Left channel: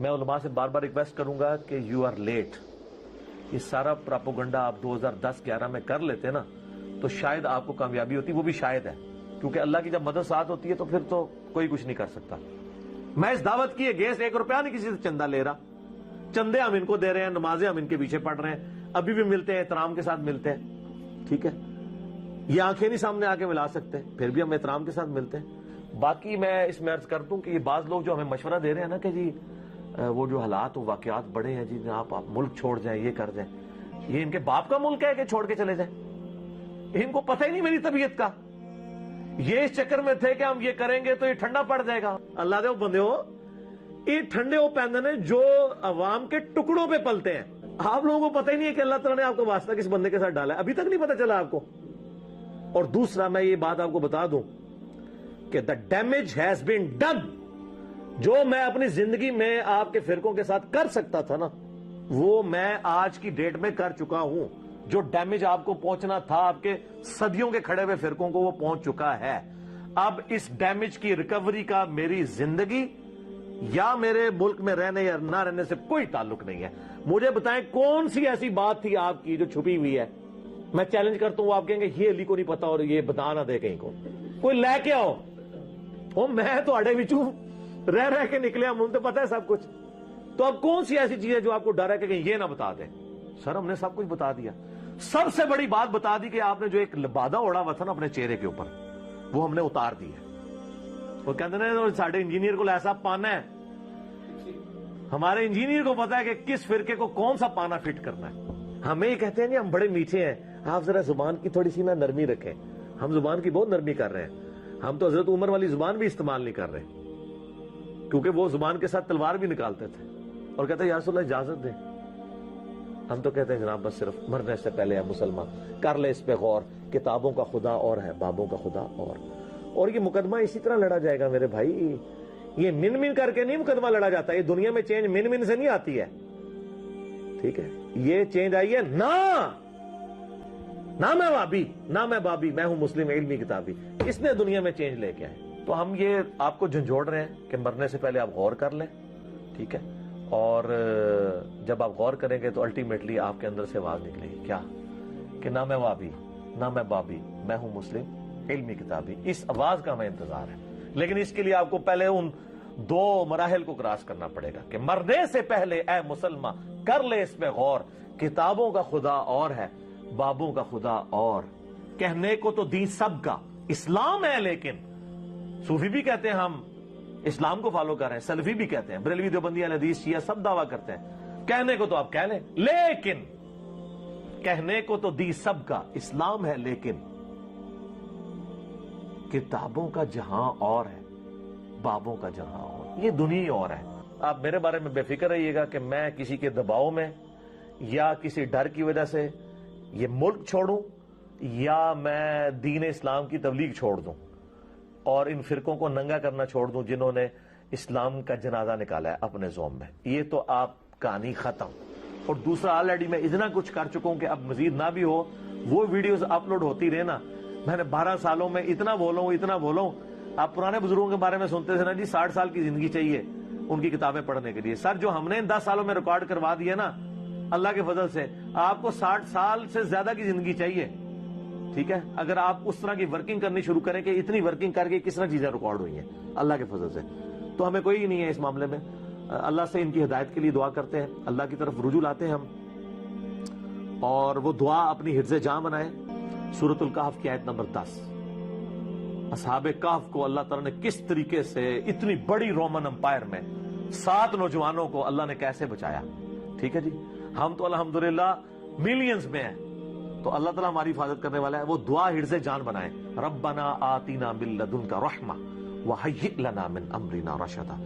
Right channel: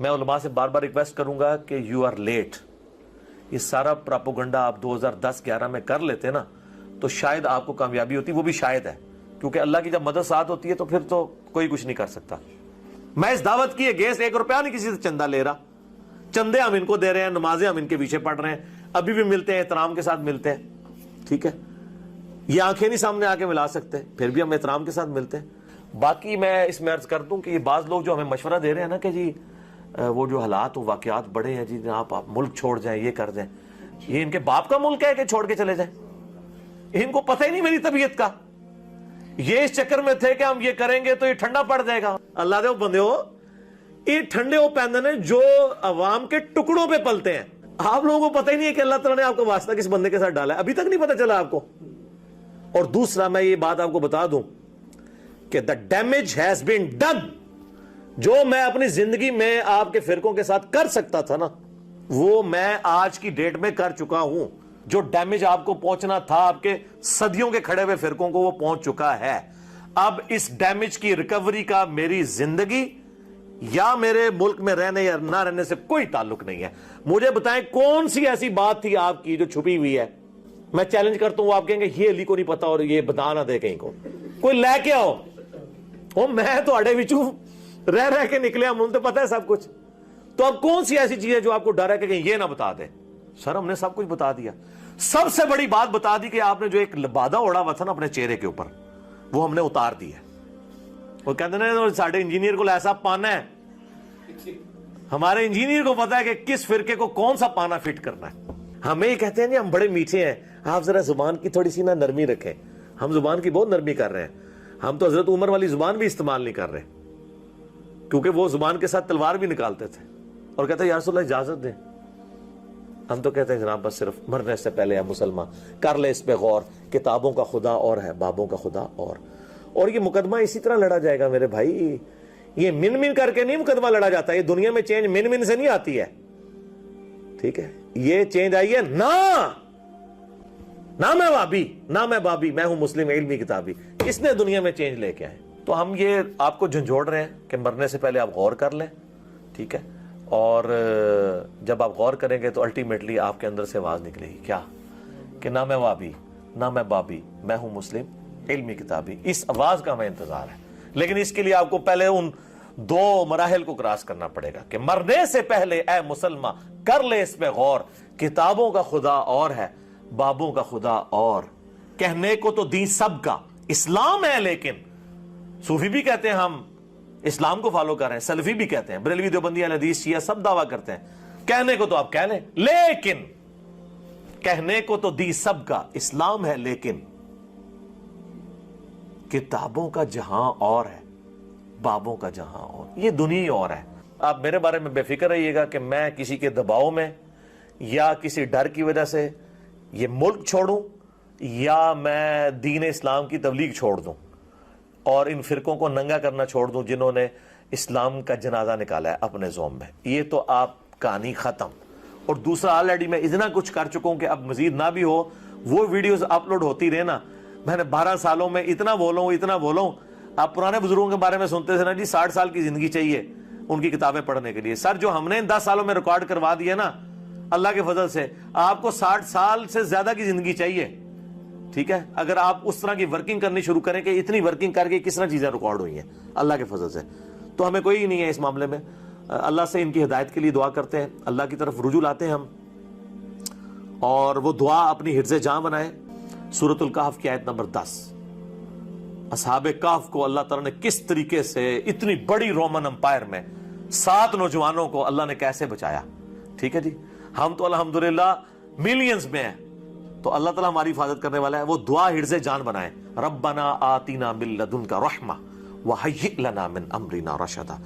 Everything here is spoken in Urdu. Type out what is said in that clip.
میں علماء سے بار بار ریکویسٹ کروں گا کہ یو آر لیٹ. یہ سارا پراپوگنڈا آپ 2010-11 میں کر لیتے نا تو شاید آپ کو کامیابی ہوتی, وہ بھی شاید ہے, کیونکہ اللہ کی جب مدد ساتھ ہوتی ہے تو پھر تو کوئی کچھ نہیں کر سکتا. میں اس دعوت کی اگینسٹ 1 روپیہ نہیں کسی سے چندہ لے رہا. چندے ہم ان کو دے رہے ہیں, نمازیں ہم ان کے پیچھے پڑھ رہے ہیں, ابھی بھی ملتے ہیں, احترام کے ساتھ ملتے ہیں. ٹھیک ہے, یہ آنکھیں نہیں سامنے آ کے ملا سکتے, پھر بھی ہم احترام کے ساتھ ملتے ہیں. باقی میں اس میں عرض کر دوں کہ یہ بعض لوگ جو ہمیں مشورہ دے رہے ہیں نا کہ جی وہ جو حالات و واقعات بڑے ہیں جی, آپ ملک چھوڑ جائیں, یہ کر دیں, یہ ان کے باپ کا ملک ہے کہ چھوڑ کے چلے جائیں؟ ان کو پتہ ہی نہیں میری طبیعت کا. یہ اس چکر میں تھے کہ ہم یہ کریں گے تو یہ ٹھنڈا پڑ جائے گا. اللہ دے بندے ہو, یہ ٹھنڈے وہ پیندے ہیں جو عوام کے ٹکڑوں پہ پلتے ہیں. آپ لوگوں کو پتہ ہی نہیں ہے کہ اللہ تعالیٰ نے آپ کو واسطہ کس بندے کے ساتھ ڈالا ہے, ابھی تک نہیں پتہ چلا آپ کو. اور دوسرا میں یہ بات آپ کو بتا دوں کہ the damage has been done. جو میں اپنی زندگی میں آپ کے فرقوں کے ساتھ کر سکتا تھا نا, وہ میں آج کی ڈیٹ میں کر چکا ہوں. جو ڈیمیج آپ کو پہنچنا تھا آپ کے صدیوں کے کھڑے ہوئے فرقوں کو, وہ پہنچ چکا ہے. اب اس ڈیمیج کی ریکوری کا میری زندگی یا میرے ملک میں رہنے یا نہ رہنے سے کوئی تعلق نہیں ہے. مجھے بتائیں کون سی ایسی بات تھی آپ کی جو چھپی ہوئی ہے؟ میں چیلنج کرتا ہوں, آپ کہیں گے یہ علی کو نہیں پتا اور یہ بتا نہ دے کہیں کو, کوئی لے کے آؤ. میں تو اڑے وچوں رہ کے نکلے, ہم ان سے پتا ہے سب کچھ. تو اب کون سی ایسی چیز ہے جو آپ کو ڈر ہے کہ یہ نہ بتا دیں؟ سر ہم نے سب کچھ بتا دیا. سب سے بڑی بات بتا دی کہ آپ نے جو ایک لبادہ اڑا ہوا تھا نا اپنے چہرے کے اوپر, وہ ہم نے اتار دی ہے. وہ کہتے ہیں ساڑھے انجینئر کو ایسا پانا ہے, ہمارے انجینئر کو پتا ہے کہ کس فرقے کو کون سا پانا فٹ کرنا ہے. ہمیں یہ کہتے ہیں ہم بڑے میٹھے ہیں, آپ ذرا زبان کی تھوڑی سی نرمی رکھیں. ہم زبان کی بہت نرمی کر رہے ہیں. ہم تو حضرت عمر والی زبان بھی استعمال نہیں کر رہے, کیونکہ وہ زبان کے ساتھ تلوار بھی نکالتے تھے اور کہتے ہیں یا رسول اللہ اجازت دیں. ہم تو کہتے ہیں جناب بس صرف مرنے سے پہلے یا مسلمان کر لے اس پہ غور, کتابوں کا خدا اور ہے, بابوں کا خدا اور یہ مقدمہ اسی طرح لڑا جائے گا میرے بھائی. یہ من کر کے نہیں مقدمہ لڑا جاتا. یہ دنیا میں چینج من سے نہیں آتی ہے. ٹھیک ہے, یہ چینج آئی ہے نہ میں وابی نہ میں بابی, میں ہوں مسلم علمی کتابی. اس نے دنیا میں چینج لے کے آئے. تو ہم یہ آپ کو جھنجھوڑ رہے ہیں کہ مرنے سے پہلے آپ غور کر لیں. ٹھیک ہے, اور جب آپ غور کریں گے تو الٹیمیٹلی آپ کے اندر سے آواز نکلے گی کیا کہ نہ میں وابی نہ میں بابی, میں ہوں مسلم علمی کتابی. اس آواز کا ہمیں انتظار ہے, لیکن اس کے لیے آپ کو پہلے ان 2 مراحل کو کراس کرنا پڑے گا کہ مرنے سے پہلے اے مسلمان کر لے اس پہ غور, کتابوں کا خدا اور ہے, بابوں کا خدا اور. کہنے کو تو دین سب کا اسلام ہے, لیکن صوفی بھی کہتے ہیں ہم اسلام کو فالو کر رہے ہیں, سلفی بھی کہتے ہیں, بریلوی دیوبندی اہل حدیث شیعہ سب دعویٰ کرتے ہیں. کہنے کو تو آپ کہہ لیں, لیکن کہنے کو تو دین سب کا اسلام ہے, لیکن کتابوں کا جہاں اور ہے, بابوں کا جہاں اور, یہ دنیا اور ہے. آپ میرے بارے میں بے فکر رہیے گا کہ میں کسی کے دباؤ میں یا کسی ڈر کی وجہ سے یہ ملک چھوڑوں یا میں دین اسلام کی تبلیغ چھوڑ دوں اور ان فرقوں کو ننگا کرنا چھوڑ دوں جنہوں نے اسلام کا جنازہ نکالا ہے اپنے زوم میں. یہ تو آپ کہانی ختم. اور دوسرا آلریڈی میں اتنا کچھ کر چکا ہوں کہ اب مزید نہ بھی ہو, وہ ویڈیوز اپلوڈ ہوتی رہے نا. میں نے 12 سالوں میں اتنا بولوں. آپ پرانے بزرگوں کے بارے میں سنتے تھے نا جی 60 سال کی زندگی چاہیے ان کی کتابیں پڑھنے کے لیے. سر جو ہم نے 10 سالوں میں ریکارڈ کروا دیا نا اللہ کے فضل سے, آپ کو 60 سال سے زیادہ کی زندگی چاہیے. ٹھیک ہے, اگر آپ اس طرح کی ورکنگ کرنی شروع کریں کہ اتنی ورکنگ کر کے کس طرح چیزیں ریکارڈ ہوئی ہیں اللہ کے فضل سے, تو ہمیں کوئی نہیں ہے اس معاملے میں. اللہ سے ان کی ہدایت کے لیے دعا کرتے ہیں, اللہ کی طرف رجوع لاتے ہیں ہم, اور وہ دعا اپنی حفظ جاں بنائیں. سورۃ الکہف کی آیت نمبر 10, اصحاب کہف کو اللہ تعالیٰ نے کس طریقے سے اتنی بڑی رومن امپائر میں 7 نوجوانوں کو اللہ نے کیسے بچایا. ٹھیک ہے جی, ہم تو الحمدللہ ملینز میں ہیں, تو اللہ تعالیٰ ہماری حفاظت کرنے والا ہے. وہ دعا حرز جان بنائیں, ربنا آتینا من لدنک رحمہ وہیئ لنا من امرنا رشدا.